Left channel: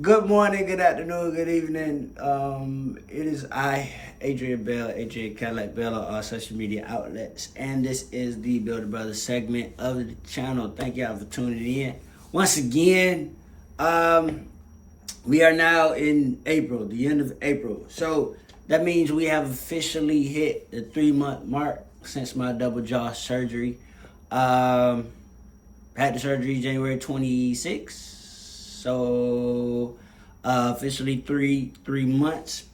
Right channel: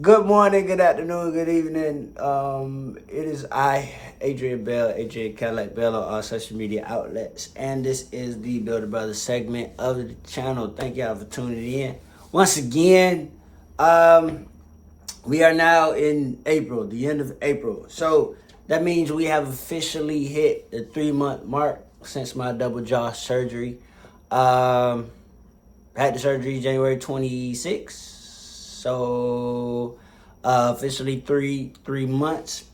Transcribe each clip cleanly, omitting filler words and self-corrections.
Good morning, good afternoon, good evening. It is I, Adrian Bell, AJ Cadillac Bell on all social media outlets, and this is the Builder Brothers segment of the channel. Thank y'all for tuning in. Once again, we are now in April, the end of April. So that means we have officially hit the 3-month mark since my double jaw surgery. Had the surgery January 26th. So officially three months.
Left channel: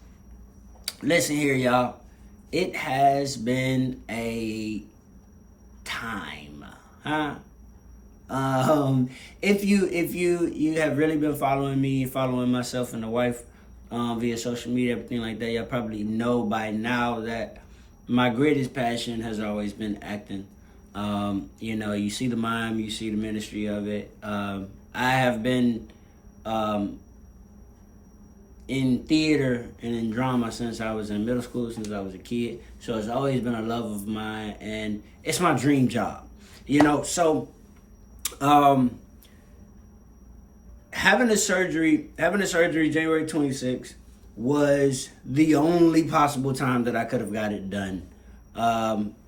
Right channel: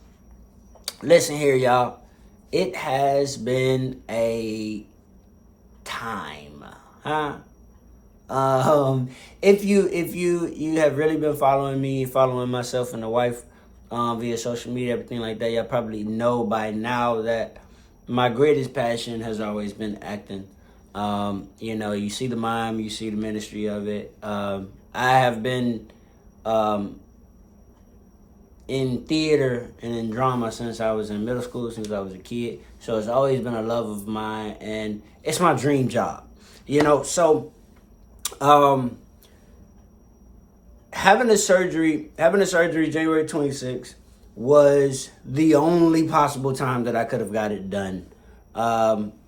Listen here, y'all. It has been a time, huh? If you have really been following me, following myself and the wife via social media, everything like that, y'all probably know by now that my greatest passion has always been acting. You see the mime, you see the ministry of it. I have been in theater and in drama since I was in middle school, since I was a kid. So it's always been a love of mine, and it's my dream job. So having a surgery January 26th was the only possible time that I could have got it done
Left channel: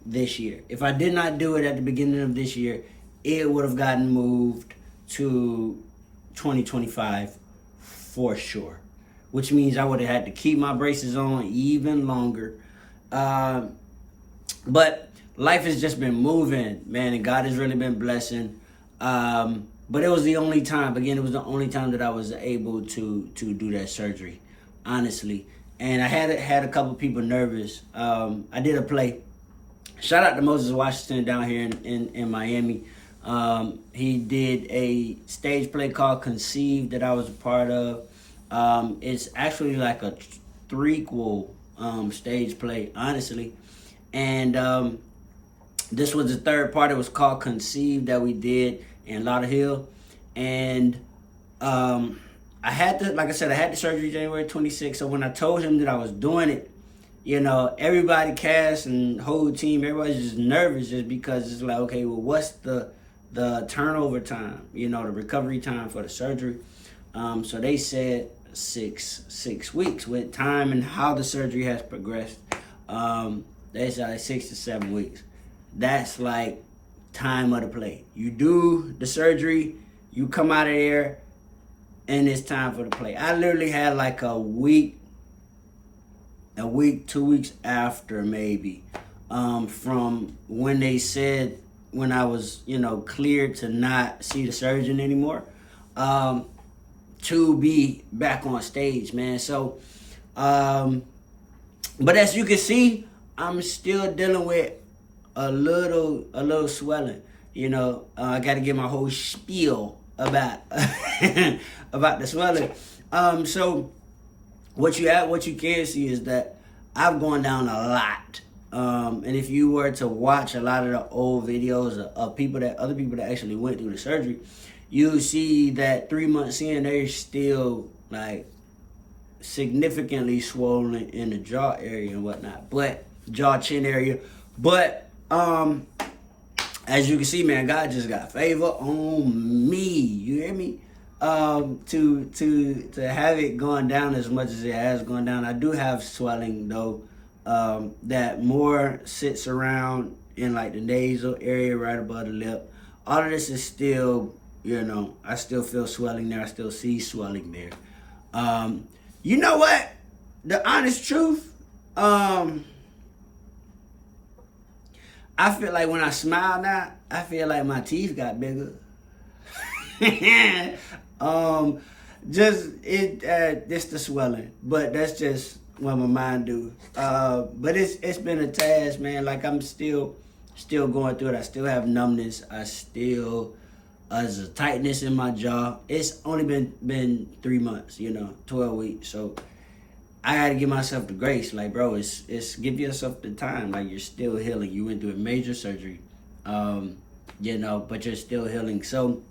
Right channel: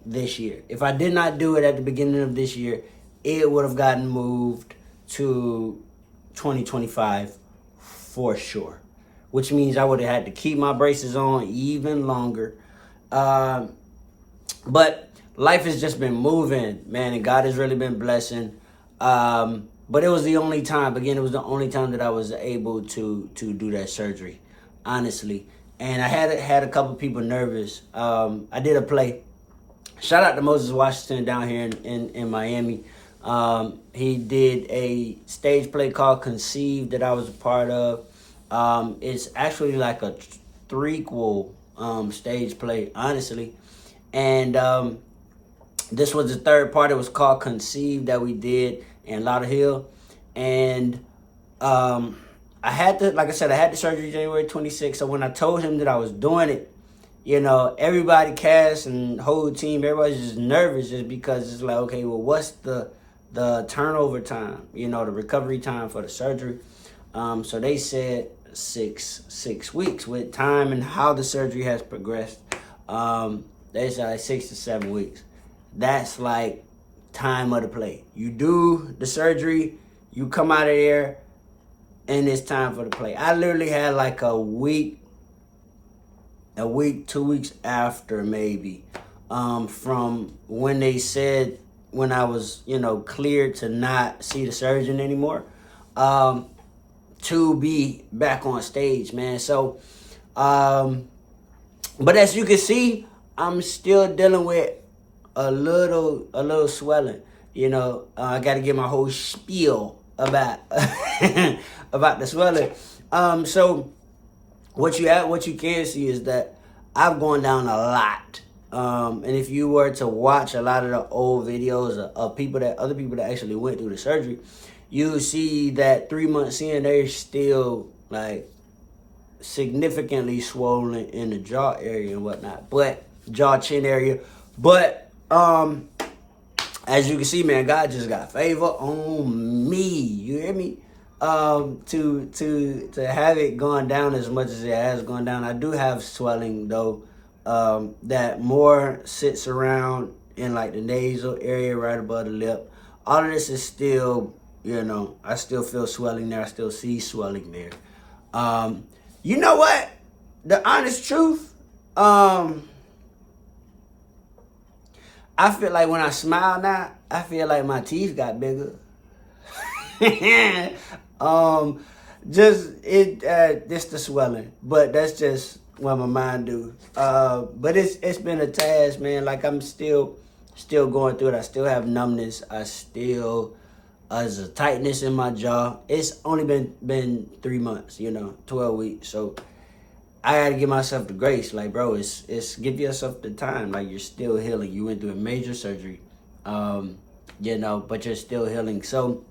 this year. If I did not do it at the beginning of this year, it would have gotten moved to 2025 for sure, which means I would have had to keep my braces on even longer. But life has just been moving, man, and God has really been blessing. But it was the only time, again, it was the only time that I was able to do that surgery, honestly. And I had a couple people nervous. I did a play. Shout out to Moses Washington down here in Miami. He did a stage play called Conceived that I was a part of. It's actually like a threequel stage play, honestly. And this was the third part. It was called Conceived that we did in Lauderhill. And I had the surgery January 26th. So when I told him that I was doing it, everybody, cast and whole team, everybody's just nervous just because it's like, okay, well, what's the turnover time, the recovery time for the surgery. So they said six weeks. With time and how the surgery has progressed, they said like 6 to 7 weeks. That's like time of the play. You do the surgery, you come out of there, and it's time for the play. I literally had like a week, 2 weeks after maybe, from when they said, when I was, cleared to not see the surgeon anymore, to be back on stage, man. So, but as you can see, I'm still dealing with a little swelling. I got to get my whole spiel about about the swelling. So what you can see is that I've gone down a lot. And if you were to watch a lot of the old videos of other people that actually went through the surgery, you see that 3 months in, they're still like significantly swollen in the jaw area and whatnot, but jaw chin area. But as you can see, man, God just got favor on me. You hear me? To have it gone down as much as it has gone down. I do have swelling though. That more sits around in like the nasal area right above the lip. All of this is still, I still feel swelling there. I still see swelling there. You know what? The honest truth, I feel like when I smile now, I feel like my teeth got bigger. Just the swelling, but that's just what my mind do. But it's been a task, man. Like I'm still going through it. I still have numbness. There's a tightness in my jaw. It's only been 3 months, 12 weeks. So I gotta give myself the grace. Like, bro, it's give yourself the time. Like, you're still healing. You went through a major surgery, but you're still healing. So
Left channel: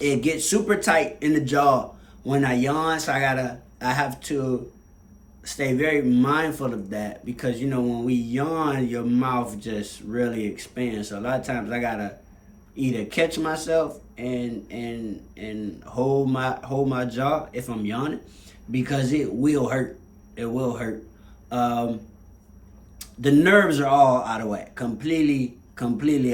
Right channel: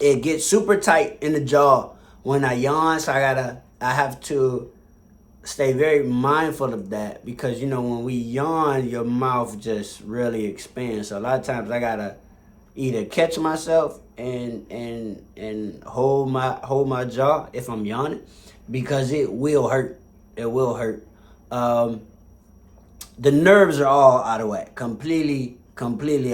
it gets super tight in the jaw when I yawn. So I have to stay very mindful of that because, when we yawn, your mouth just really expands. So a lot of times I gotta either catch myself and hold my jaw if I'm yawning, because it will hurt. It will hurt. The nerves are all out of whack, completely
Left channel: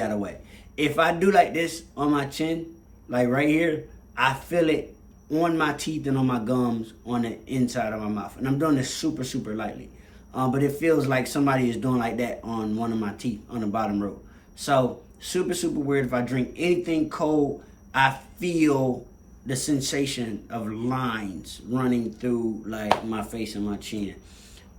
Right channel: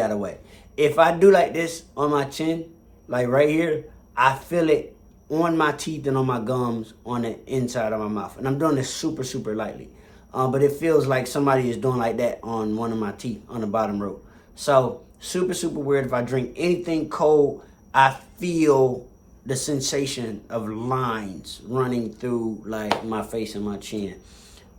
out of whack. If I do like this on my chin, like right here, I feel it on my teeth and on my gums on the inside of my mouth. And I'm doing this super lightly. But it feels like somebody is doing like that on one of my teeth on the bottom row. So super weird. If I drink anything cold, I feel the sensation of lines running through like my face and my chin.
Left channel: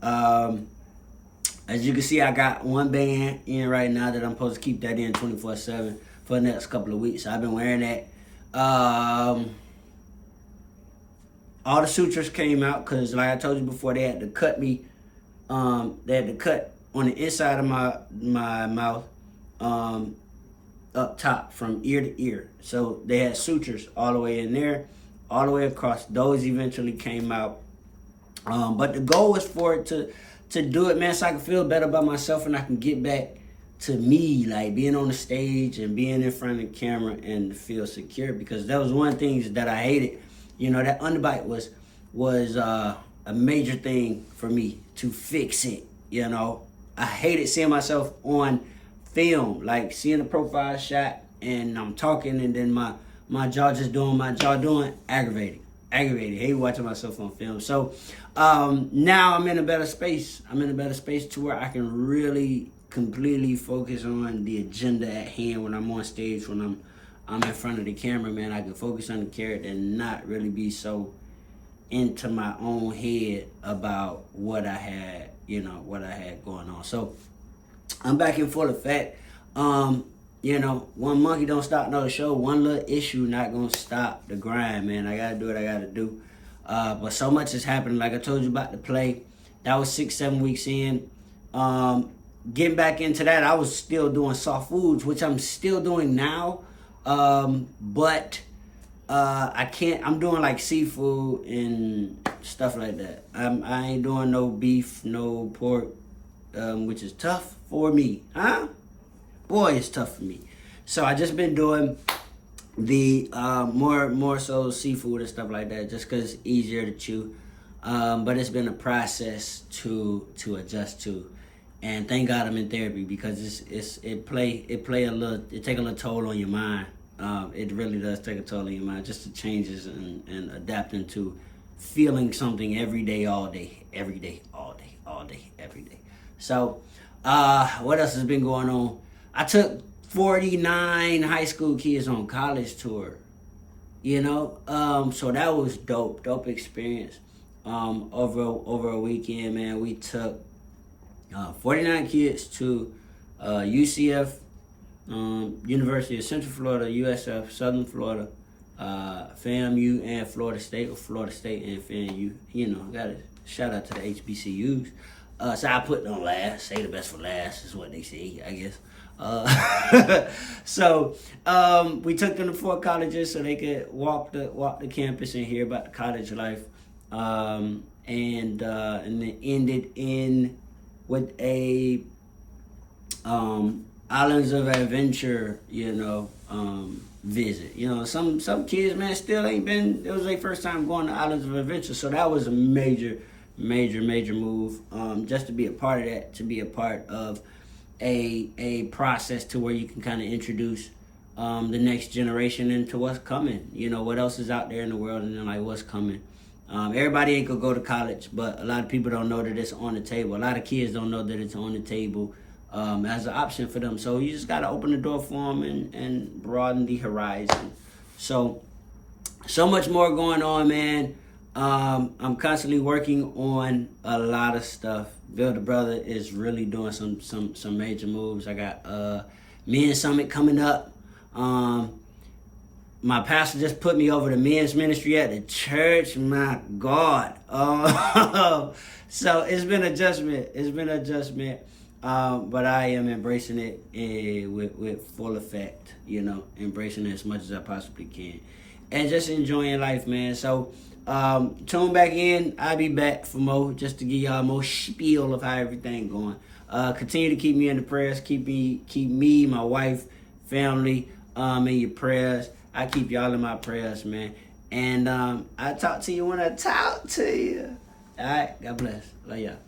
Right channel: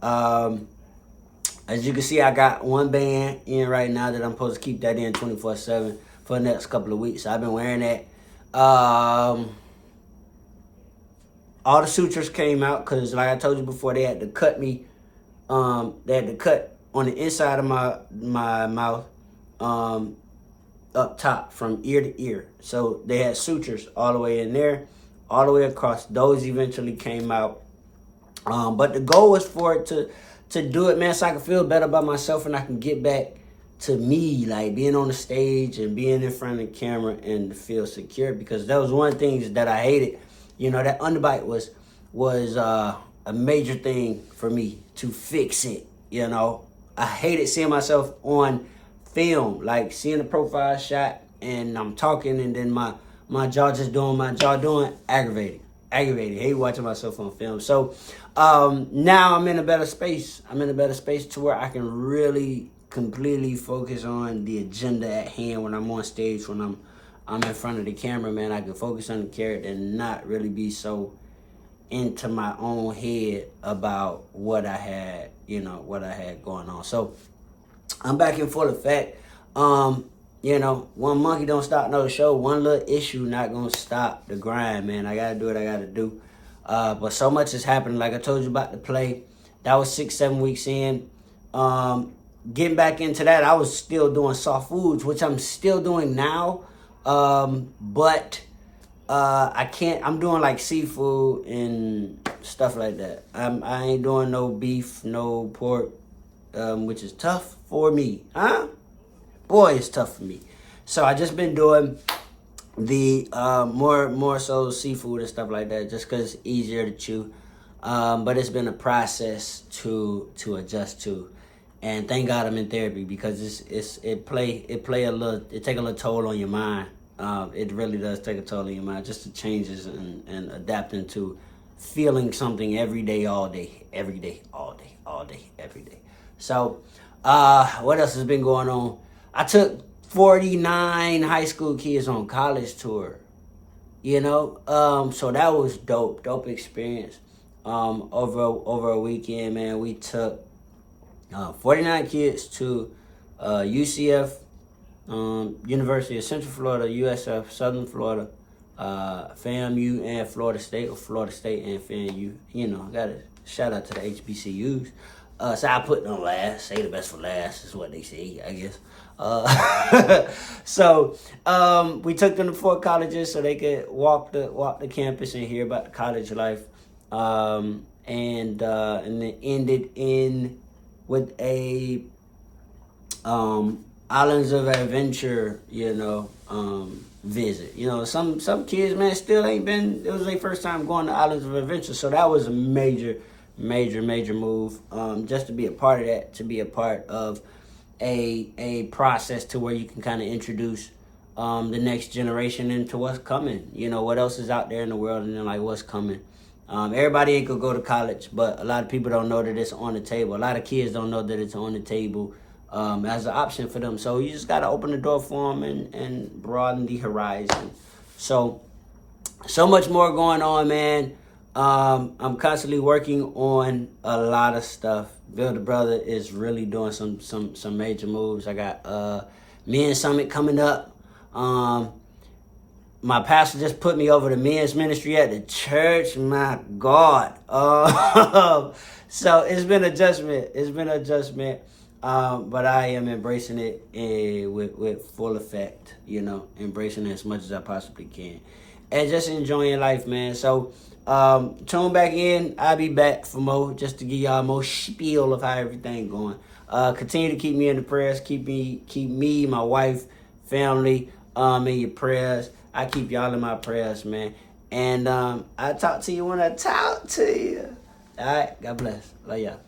As you can see, I got one band in right now that I'm supposed to keep that in 24/7 for the next couple of weeks. I've been wearing that. All the sutures came out because, like I told you before, they had to cut me. They had to cut on the inside of my mouth, up top from ear to ear. So they had sutures all the way in there, all the way across. Those eventually came out. But the goal was for it to do it, man, so I can feel better about myself and I can get back to me, like being on the stage and being in front of the camera and feel secure, because that was one of the things that I hated. You know, that underbite was a major thing for me to fix it, you know. I hated seeing myself on film, like seeing a profile shot and I'm talking and then my jaw just doing my jaw doing, aggravated. I hate watching myself on film. So now I'm in a better space. I'm in a better space to where I can really completely focus on the agenda at hand when I'm on stage, when I'm in front of the camera, man. I can focus on the character and not really be so into my own head about what I had, what I had going on. So I'm back in full effect. One monkey don't stop another show. One little issue not gonna stop the grind, man. I gotta do what I gotta do. But so much is happening. Like I told you about the play. That was 6-7 weeks in. Getting back into that, I was still doing soft foods, which I'm still doing now. But I can't. I'm doing like seafood and stuff like that. I ain't doing no beef, no pork, which is tough for me. Boy, it's tough for me. So I just been doing the more so seafood and stuff like that, just because it's easier to chew. But it's been a process to adjust to, and thank God I'm in therapy, because it take a little toll on your mind. It really does take a toll on your mind, just the changes and adapting to feeling something every day, all day, every day, all day, every day. So what else has been going on? I took 49 high school kids on college tour, so that was dope experience. Over a weekend, man, we took 49 kids to UCF, University of Central Florida, USF, Southern Florida, FAMU, and Florida State, or Florida State and FAMU. I got to shout out to the HBCUs. So I put them last. Say the best for last is what they say, I guess. So we took them to 4 colleges so they could walk the campus and hear about the college life. And then ended in with a Islands of Adventure, visit. Some kids, man, still ain't been. It was their first time going to Islands of Adventure, so that was a major move. Just to be a part of that, to be a part of a process to where you can kind of introduce the next generation into what's coming. What else is out there in the world, and then like what's coming. Everybody ain't gonna go to college, but a lot of people don't know that it's on the table. A lot of kids don't know that it's on the table as an option for them. So you just gotta open the door for them and broaden the horizon. So much more going on, man. I'm constantly working on a lot of stuff. Bill the Brother is really doing some major moves. I got Men's Summit coming up. My pastor just put me over to men's ministry at the church. My God. So it's been adjustment. But I am embracing it with full effect, embracing it as much as I possibly can. And just enjoying life, man. So tune back in. I'll be back for more, just to give y'all more spiel of how everything going. Continue to keep me in the prayers. Keep me, my wife, family, in your prayers. I keep y'all in my prayers, man. And I talk to you when I talk to you. All right, God bless. Love y'all.